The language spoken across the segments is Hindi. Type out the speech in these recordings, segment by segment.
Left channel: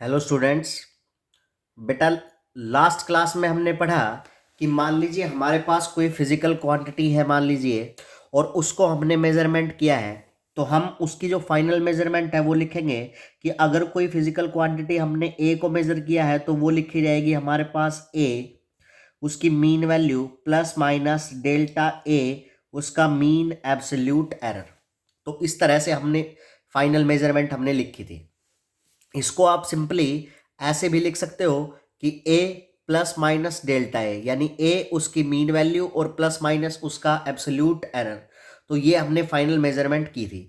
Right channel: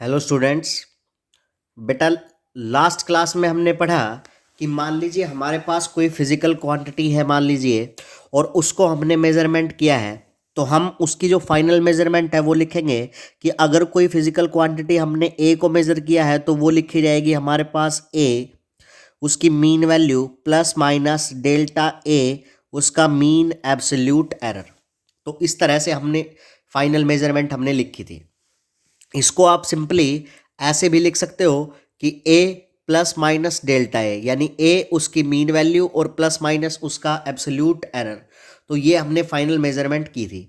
Hello students. बेटा, लास्ट क्लास में हमने पढ़ा कि मान लीजिए हमारे पास कोई फिजिकल क्वांटिटी है, मान लीजिए, और उसको हमने मेजरमेंट किया है। तो हम उसकी जो फाइनल मेजरमेंट है वो लिखेंगे कि अगर कोई फिजिकल क्वांटिटी हमने ए को मेज़र किया है तो वो लिखी जाएगी हमारे पास ए, उसकी mean value plus minus delta A, उसका मीन एब्सोल्यूट एरर। तो इस तरह से हमने फाइनल मेजरमेंट हमने लिखी थी। इसको आप सिंपली ऐसे भी लिख सकते हो कि ए प्लस माइनस डेल्टा ए, यानी ए उसकी मीन वैल्यू और प्लस माइनस उसका एब्सोल्यूट एरर। तो ये हमने फाइनल मेजरमेंट की थी।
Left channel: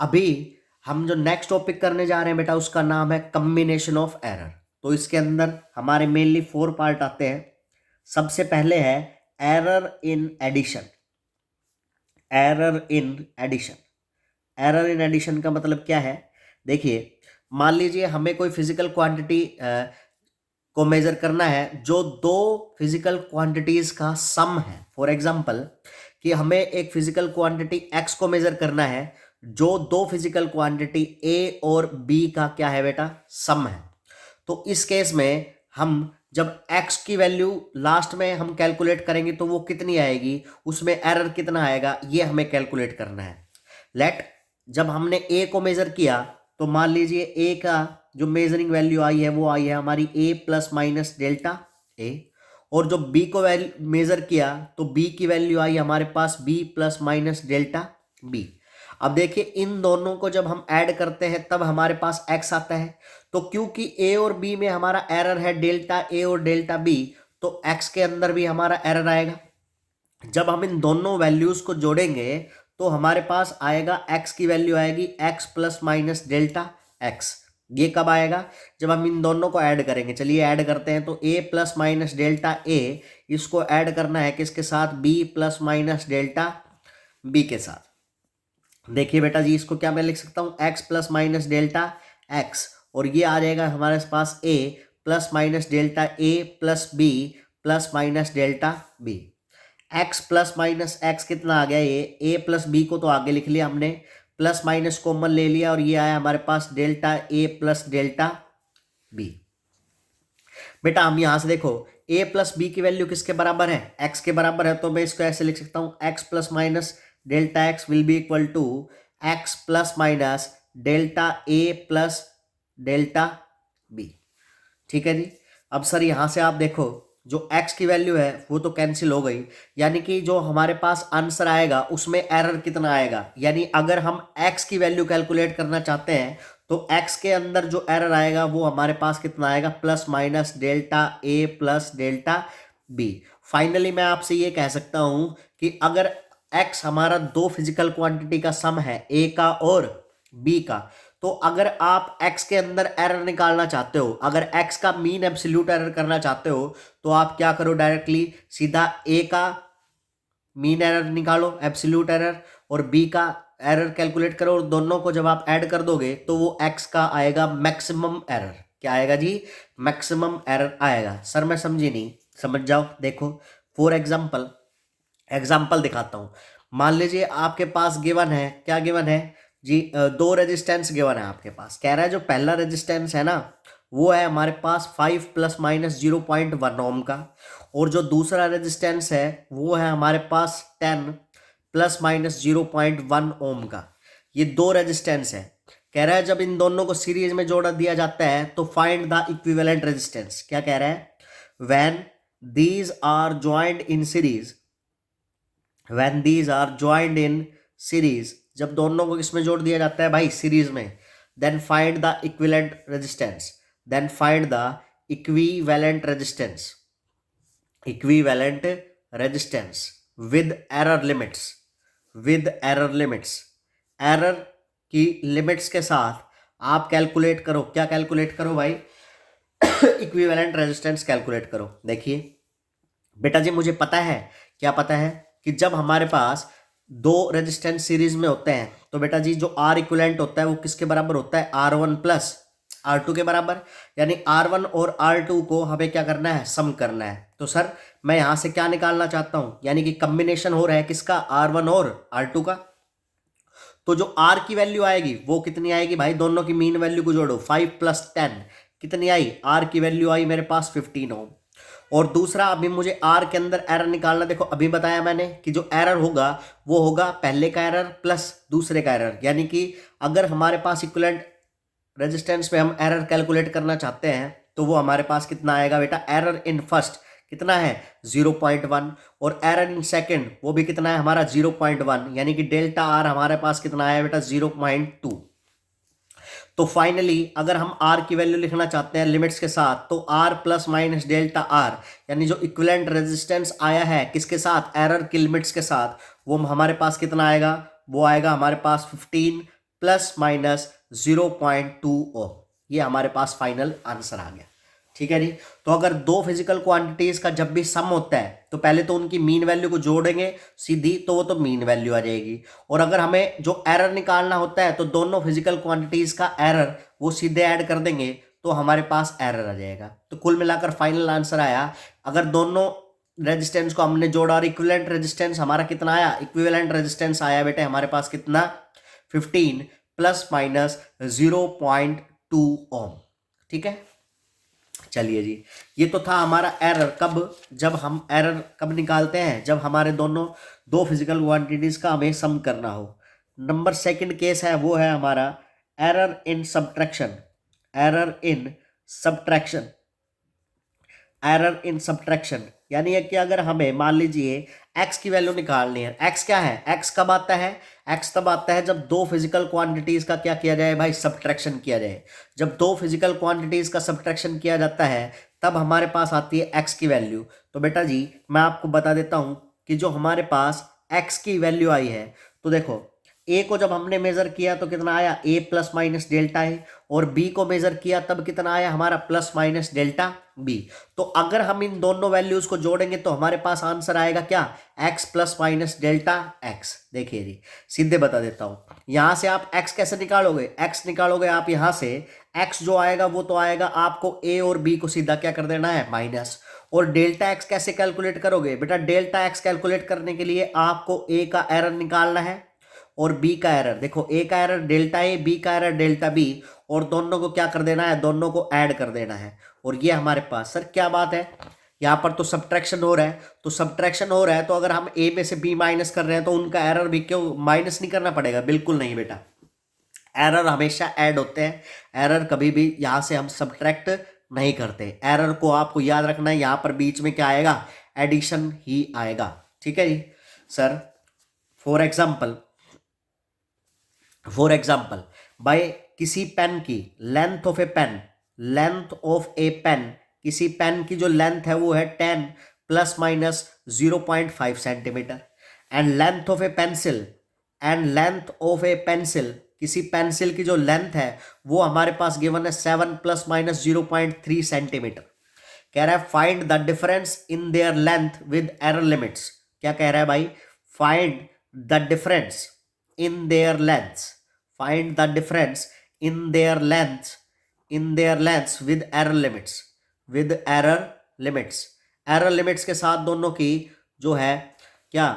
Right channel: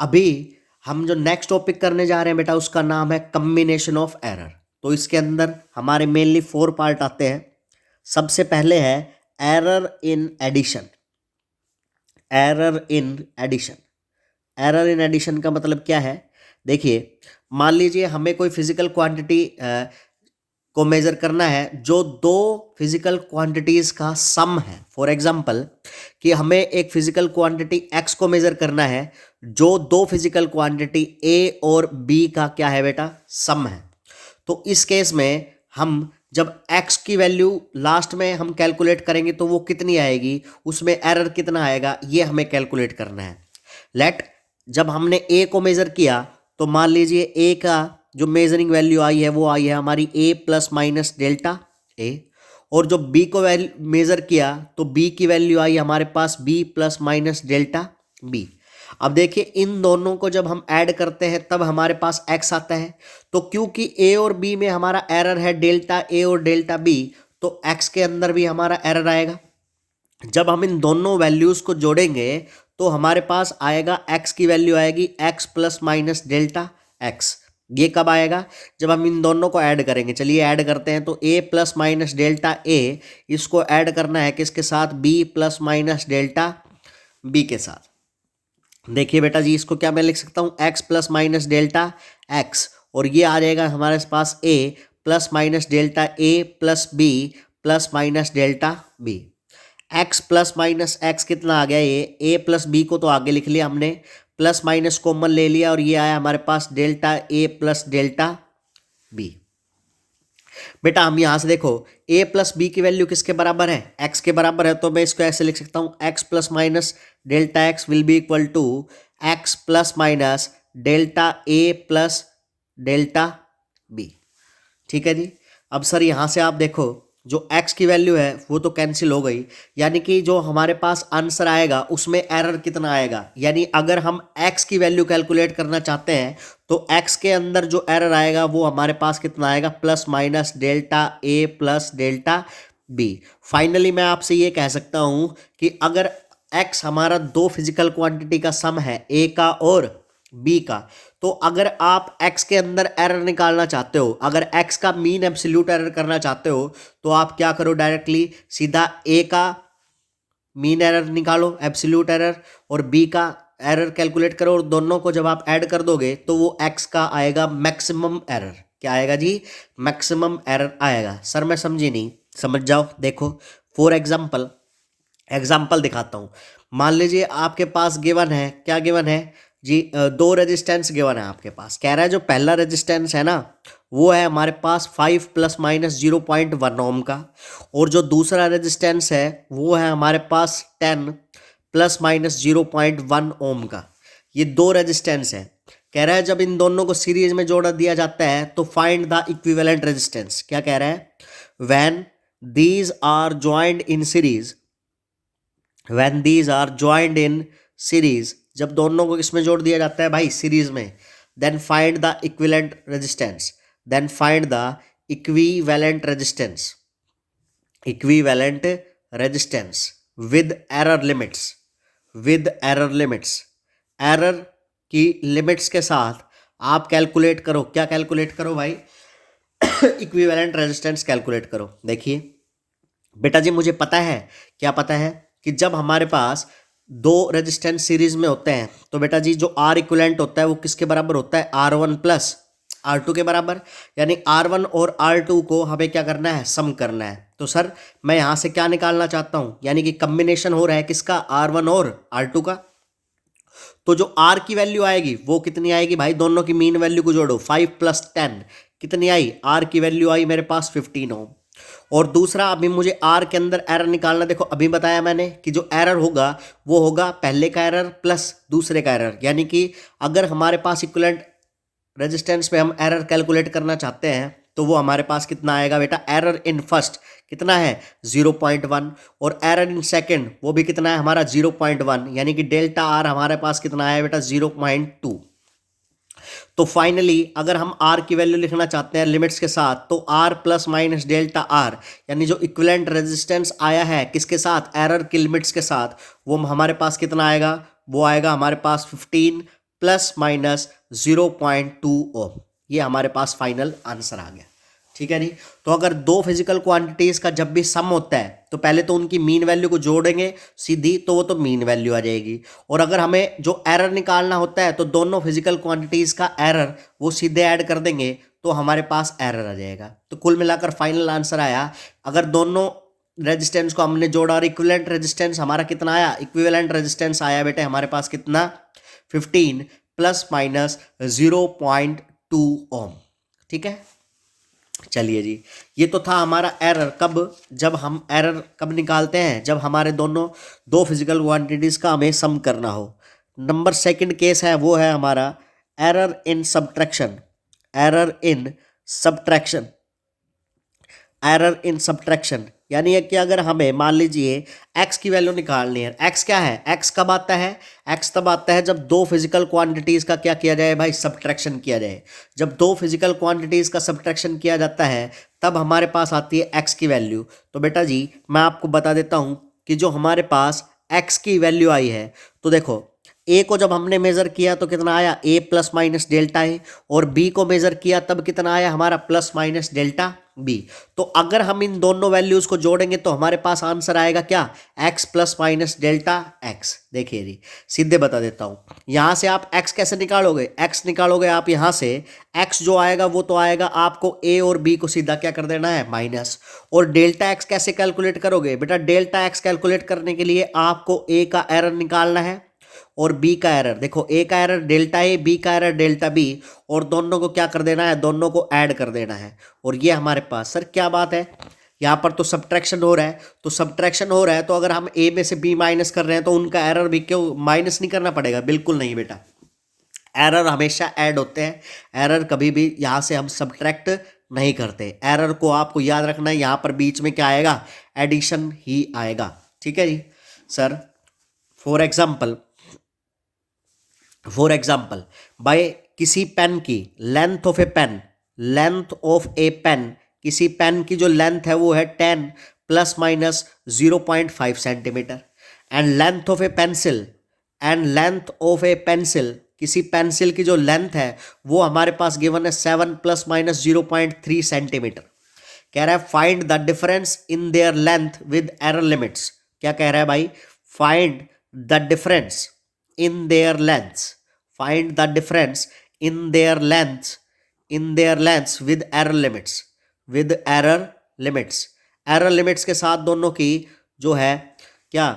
अभी हम जो नेक्स्ट टॉपिक करने जा रहे हैं बेटा, उसका नाम है कम्बिनेशन ऑफ एरर। तो इसके अंदर हमारे मेनली 4 पार्ट आते हैं। सबसे पहले है error in addition. Error in addition. Error in addition का मतलब क्या है? देखिए, मान लीजिए हमें कोई फिजिकल क्वांटिटी को मेजर करना है जो दो फिजिकल क्वांटिटीज का सम है। फॉर एग्जांपल कि हमें एक फिजिकल क्वांटिटी एक्स को मेजर करना है जो दो फिजिकल क्वांटिटी ए और बी का क्या है बेटा, सम है। तो इस केस में हम जब x की वैल्यू लास्ट में हम कैलकुलेट करेंगे तो वो कितनी आएगी, उसमें एरर कितना आएगा, ये हमें कैलकुलेट करना है। लेट जब हमने a को मेज़र किया तो मान लीजिए a का जो मेजरिंग वैल्यू आई है वो आई है हमारी a प्लस माइनस डेल्टा ए, और जो b को मेज़र किया तो b की वैल्यू आई हमारे पास b plus minus delta b। अब देखिए, इन दोनों को जब हम ऐड करते हैं तब हमारे पास x आता है। तो क्योंकि a और b में हमारा एरर है डेल्टा ए और डेल्टा b, तो x के अंदर भी हमारा एरर आएगा। जब हम इन दोनों वैल्यूज को जोड़ेंगे तो हमारे पास आएगा x की वैल्यू आएगी x plus minus delta x। ये कब आएगा? जब हम इन दोनों को ऐड करेंगे। चलिए ऐड करते हैं। तो a plus minus delta a, इसको ऐड करना है किसके साथ? b plus minus delta b के साथ। देखिए बेटा जी, इसको क्या मैं लिख सकता हूँ? x plus minus delta x, और ये आ जाएगा हमारे पास a plus minus delta a plus b plus minus delta b। x plus minus x कितना आ गया? ये a प्लस बी को तो आगे लिख लिया हमने, प्लस माइनस कॉमन ले लिया और ये आया हमारे पास delta a plus delta b। बेटा हम यहाँ से देखो, a प्लस बी की वैल्यू किसके बराबर है? x के बराबर है। तो मैं इसको ऐसे लिख सकता हूँ, x plus minus delta x will be equal to x plus minus delta a plus delta b। ठीक है जी। अब सर यहाँ से आप देखो, जो x की वैल्यू है वो तो कैंसिल हो गई, यानी कि जो हमारे पास आंसर आएगा उसमें एरर कितना आएगा। यानी अगर हम x की वैल्यू कैलकुलेट करना चाहते हैं तो x के अंदर जो एरर आएगा वो हमारे पास कितना आएगा? Plus minus delta a plus delta b। Finally मैं आपसे ये कह सकता हूँ कि अगर x हमारा दो फिजिकल क्वांटिटी का सम है, a का और b का, तो अगर आप x के अंदर एरर निकालना चाहते हो, अगर x का मीन एब्सोल्यूट एरर करना चाहते हो, तो आप क्या करो? डायरेक्टली सीधा a का मीन एरर निकालो, एब्सोल्यूट एरर, और b का एरर कैलकुलेट करो, और दोनों को जब आप ऐड कर दोगे तो वो x का आएगा मैक्सिमम एरर। क्या आएगा जी? मैक्सिमम एरर आएगा। सर मैं समझी नहीं, समझ जाओ। देखो फॉर एग्जाम्पल दिखाता हूँ। मान लीजिए आपके पास गिवन है, क्या गिवन है जी? दो रेजिस्टेंस गिवन है आपके पास। कह रहा है जो पहला रेजिस्टेंस है ना, वो है हमारे पास 5 प्लस माइनस 0.1 ओम का, और जो दूसरा रेजिस्टेंस है वो है हमारे पास 10 प्लस माइनस 0.1 ओम का। ये दो रेजिस्टेंस है। कह रहा है जब इन दोनों को सीरीज में जोड़ दिया जाता है तो फाइंड द इक्विवेलेंट रेजिस्टेंस। क्या कह रहा है? When these are joint in series, when these are joined in series, जब दोनों को इसमें जोड़ दिया जाता है भाई सीरीज में, then find the equivalent resistance, then find the equivalent resistance, equivalent resistance with error limits, with error limits, error की लिमिट्स के साथ आप कैलकुलेट करो। क्या कैलकुलेट करो भाई? इक्विवेलेंट रेजिस्टेंस कैलकुलेट करो। देखिए बेटा जी, मुझे पता है, क्या पता है? कि जब हमारे पास दो रेजिस्टेंस सीरीज में होते हैं तो बेटा जी जो आर इक्विवेलेंट होता है वो किसके बराबर होता है? R1 प्लस R2 के बराबर। यानी R1 और R2 को हमें क्या करना है? सम करना है। तो सर मैं यहां से क्या निकालना चाहता हूं? यानी कि कम्बिनेशन हो रहा है किसका? R1 और R2 का। तो जो R की वैल्यू आएगी वो कितनी आएगी भाई? दोनों की मीन वैल्यू को जोड़ो, 5 प्लस 10 कितनी आई, आर की वैल्यू आई मेरे पास 15 ओम। और दूसरा अभी मुझे आर के अंदर एरर निकालना, देखो अभी बताया मैंने कि जो एरर होगा वो होगा पहले का एरर प्लस दूसरे का एरर, यानी कि अगर हमारे पास इक्विवेलेंट रेजिस्टेंस पे हम एरर कैलकुलेट करना चाहते हैं तो वो हमारे पास कितना आएगा बेटा, एरर इन फर्स्ट कितना है 0.1, और एरर इन सेकंड वो भी कितना है हमारा 0.1, यानी कि डेल्टा आर हमारे पास कितना आया बेटा 0.2। तो फाइनली अगर हम आर की वैल्यू लिखना चाहते हैं लिमिट्स के साथ तो R plus minus delta R, यानी जो इक्विवेलेंट रेजिस्टेंस आया है किसके साथ, एरर की लिमिट्स के साथ, वो हमारे पास कितना आएगा, वो आएगा हमारे पास 15 प्लस माइनस 0.2 ओम। ये हमारे पास फाइनल आंसर आ गया। ठीक है जी। तो अगर दो फिजिकल क्वांटिटीज का जब भी सम होता है तो पहले तो उनकी मीन वैल्यू को जोड़ेंगे सीधी, तो वो तो मीन वैल्यू आ जाएगी। और अगर हमें जो एरर निकालना होता है तो दोनों फिजिकल क्वांटिटीज का एरर वो सीधे ऐड कर देंगे तो हमारे पास एरर आ जाएगा। तो कुल मिलाकर फाइनल आंसर आया, अगर दोनों रेजिस्टेंस को हमने जोड़ा और इक्विवेलेंट रेजिस्टेंस हमारा कितना आया, इक्विवेलेंट रेजिस्टेंस आया बेटे हमारे पास कितना 15 प्लस माइनस 0.2 ओम। ठीक है, चलिए जी। ये तो था हमारा एरर, कब, जब हम एरर कब निकालते हैं, जब हमारे दोनों दो फिजिकल क्वांटिटीज का हमें सम करना हो। नंबर सेकंड केस है वो है हमारा error in subtraction. Error in subtraction, error in subtraction यानी है कि अगर हमें मान लीजिए x की वैल्यू निकालनी है, x क्या है, x कब आता है, x तब आता है जब दो फिजिकल क्वांटिटीज का क्या किया जाए भाई, सब्ट्रैक्शन किया जाए। जब दो फिजिकल क्वांटिटीज का सब्ट्रैक्शन किया जाता है तब हमारे पास आती है x की वैल्यू। तो बेटा जी मैं आपको बता देता हूं कि जो हमारे पास x की वैल्यू आई है, तो देखो a को जब हमने मेजर किया तो कितना आया, a प्लस माइनस डेल्टा ए, और b को मेजर किया तब कितना आया हमारा प्लस माइनस डेल्टा b। तो अगर हम इन दोनों वैल्यूज को जोड़ेंगे तो हमारे पास आंसर आएगा क्या, x plus minus delta x। देखिए जी सीधे बता देता हूं, यहां से आप x कैसे निकालोगे, x निकालोगे आप यहां से, x जो आएगा वो तो आएगा आपको a और b को सीधा क्या कर देना है माइनस। और डेल्टा x कैसे कैलकुलेट करोगे बेटा, डेल्टा x कैलकुलेट करने के लिए आपको a का एरर निकालना है और b का एरर, देखो a का एरर डेल्टा ए, b का एरर डेल्टा b, और दोनों को क्या कर देना है, दोनों को ऐड कर देना है। और ये हमारे पास, सर क्या बात है, यहाँ पर तो सब्ट्रैक्शन हो रहा है, तो सब्ट्रैक्शन हो रहा है तो अगर हम a में से b माइनस कर रहे हैं तो उनका एरर भी क्यों माइनस नहीं करना पड़ेगा, बिल्कुल नहीं बेटा, एरर हमेशा ऐड होते हैं, एरर कभी भी यहाँ से हम सब्ट्रैक्ट नहीं करते। एरर को आपको याद रखना है, यहाँ पर बीच में क्या आएगा, एडिशन ही आएगा। ठीक है जी sir. For example, for example by किसी पेन की length of a pen, length of a pen, किसी पेन की जो लेंथ है वो है 10 plus minus 0.5 centimetre, and length of a pencil, and length of a pencil, किसी पेंसिल की जो लेंथ है वो हमारे पास गिवन है 7 प्लस माइनस 0.3 सेंटीमीटर। कह रहा है find the difference in their length with error limits. क्या कह रहा है भाई, find the difference in their lengths, find the difference in their lengths, in their lengths with error limits, with error limits, error limits के साथ दोनों की जो है क्या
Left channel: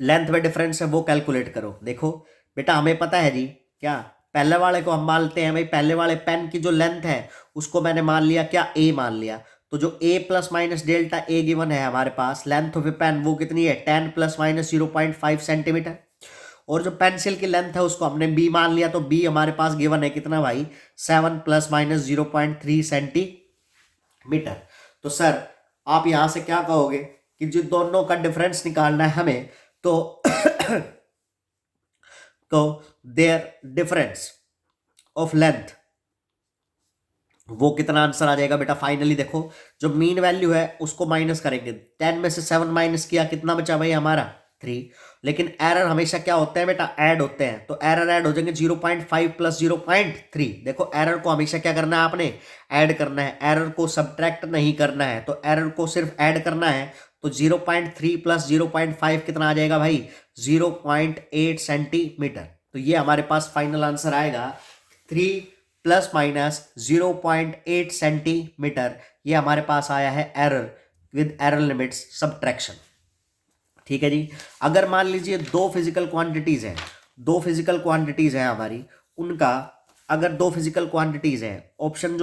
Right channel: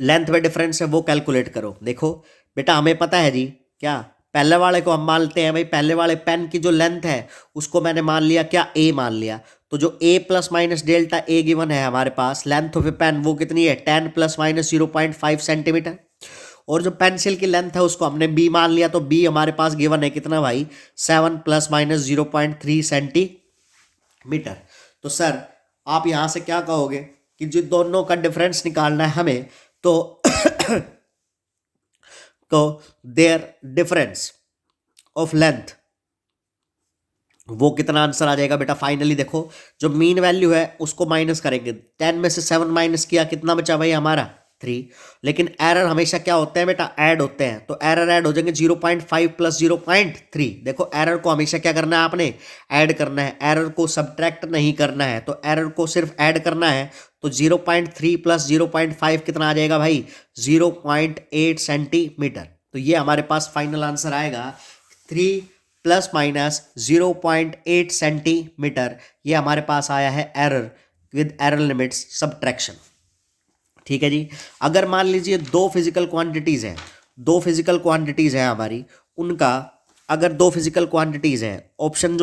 लेंथ में डिफरेंस है वो कैलकुलेट करो। देखो बेटा हमें पता है जी, क्या पहले वाले को हम मानते हैं भाई, पहले वाले पेन की जो लेंथ है उसको मैंने मान लिया क्या, a मान लिया, तो जो a plus minus delta A given है हमारे पास, लेंथ ऑफ ए पेन वो कितनी है 10 प्लस माइनस 0.5 सेंटीमीटर, और जो पेंसिल की लेंथ है उसको हमने b मान लिया, तो b हमारे पास गिवन है कितना भाई 7 प्लस माइनस 0.3 सेंटीमीटर। तो सर आप यहां से क्या कहोगे कि जो दोनों का डिफरेंस निकालना है हमें, तो तो देयर डिफरेंस ऑफ लेंथ वो कितना आंसर आ जाएगा बेटा, फाइनली देखो जो मीन वैल्यू है उसको माइनस करेंगे, 10 में से 7 माइनस किया कितना बचा भाई हमारा 3। लेकिन एरर हमेशा क्या होते हैं बेटा, ऐड होते हैं, तो एरर ऐड हो जाएंगे 0.5 प्लस 0.3। देखो एरर को हमेशा क्या करना है आपने, ऐड करना है, एरर को सब्ट्रैक्ट नहीं करना है, तो एरर को सिर्फ ऐड करना है। तो 0.3 प्लस 0.5 कितना आ जाएगा भाई 0.8 सेंटीमीटर। तो ये हमारे पास फाइनल आंसर आएगा 3 प्लस माइनस 0.8 सेंटीमीटर। ये हमारे पास आया है error with error limits subtraction. ठीक है जी। अगर मान लीजिए दो फिजिकल क्वांटिटीज हैं, दो फिजिकल क्वांटिटीज हैं हमारी, उनका अगर दो फिजिकल क्वांटिटीज हैं, ऑप्शन जो